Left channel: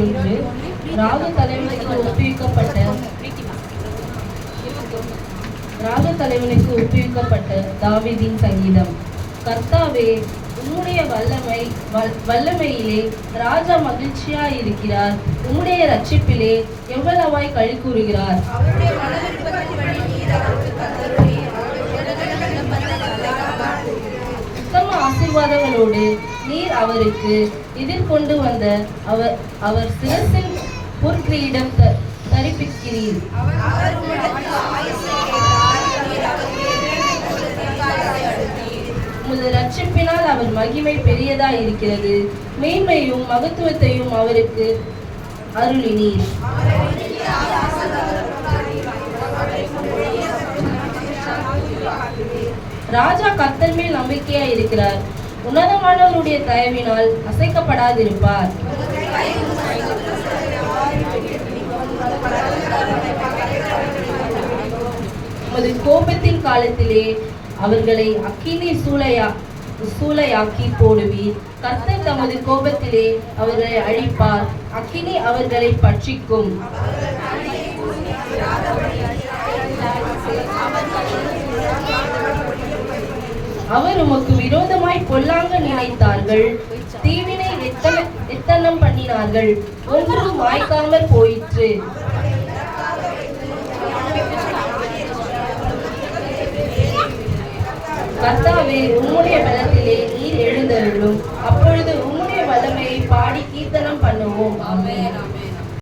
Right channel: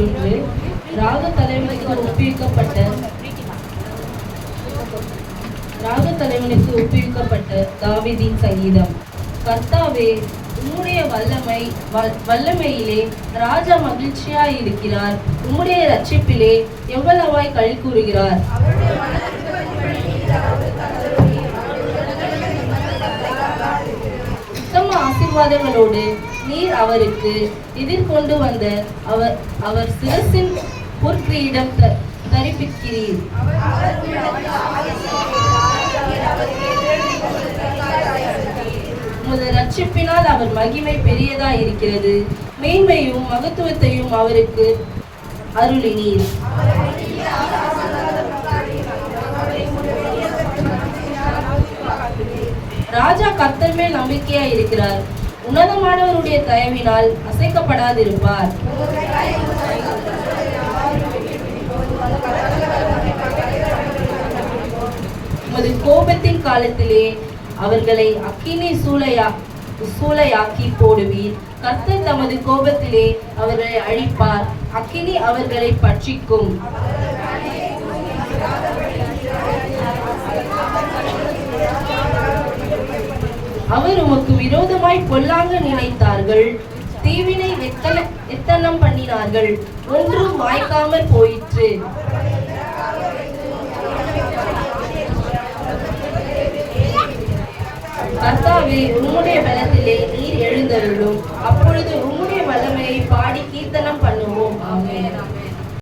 இன்று ராக தலைவனுக்கு ஒப்புவிக்கப்பட்ட ராக தலைவனுக்கு ஒப்புவிக்கப்பட்ட சங்கீதம். கர்த்தாவே உம்முடைய வல்லமை வல்லமையிலே ராஜா மகிழ்ச்சியாய் இருக்கிறார் உம்முடைய ரட்சிப்பிலே எவ்வளவாய் கழி கூறுகிறார். உத்தம ஆசீர்வாதங்களோடு நீர் அவருக்கு எதிர்கொண்டு வந்த அவர் அவர் சிவசின் பொற்கிரீடம் த- தரிப்பிக்கிறீர். உமது ரட்சிப்பினால் அவர் மகிமை பெரியதா இருக்கிறது மேன்மையும் மகத்துவத்தையும் அவருக்கு அருளினீர். ராஜா கத்தர் மேல் நம்பிக்கையா இருக்கிறார் உன்னதமானவருடைய தயவினால் அசைக்கப்படாதிருப்பார். உமது கோபத்தின் காலத்திலே அவர்களை அக்கினி சூளையா சூளையாக்கி போடுவீர். கர்த்தர் தமது கோபத்திலே அவர்களை அழிப்பார். அக்கினி அவர்களை பட்சிக்கும். அவர் உமக்கு விரோதமாய் கொல்லாங்க நினைத்தார்கள். தீவினை வெத்தன வித்தனம் பண்ணினார்கள். ஒன்றும் மாய்க்காமல் போயிற்று. கர்த்தாவே உம்முடைய பலத்திலே நீர் எழுந்தருளும். அப்பொழுது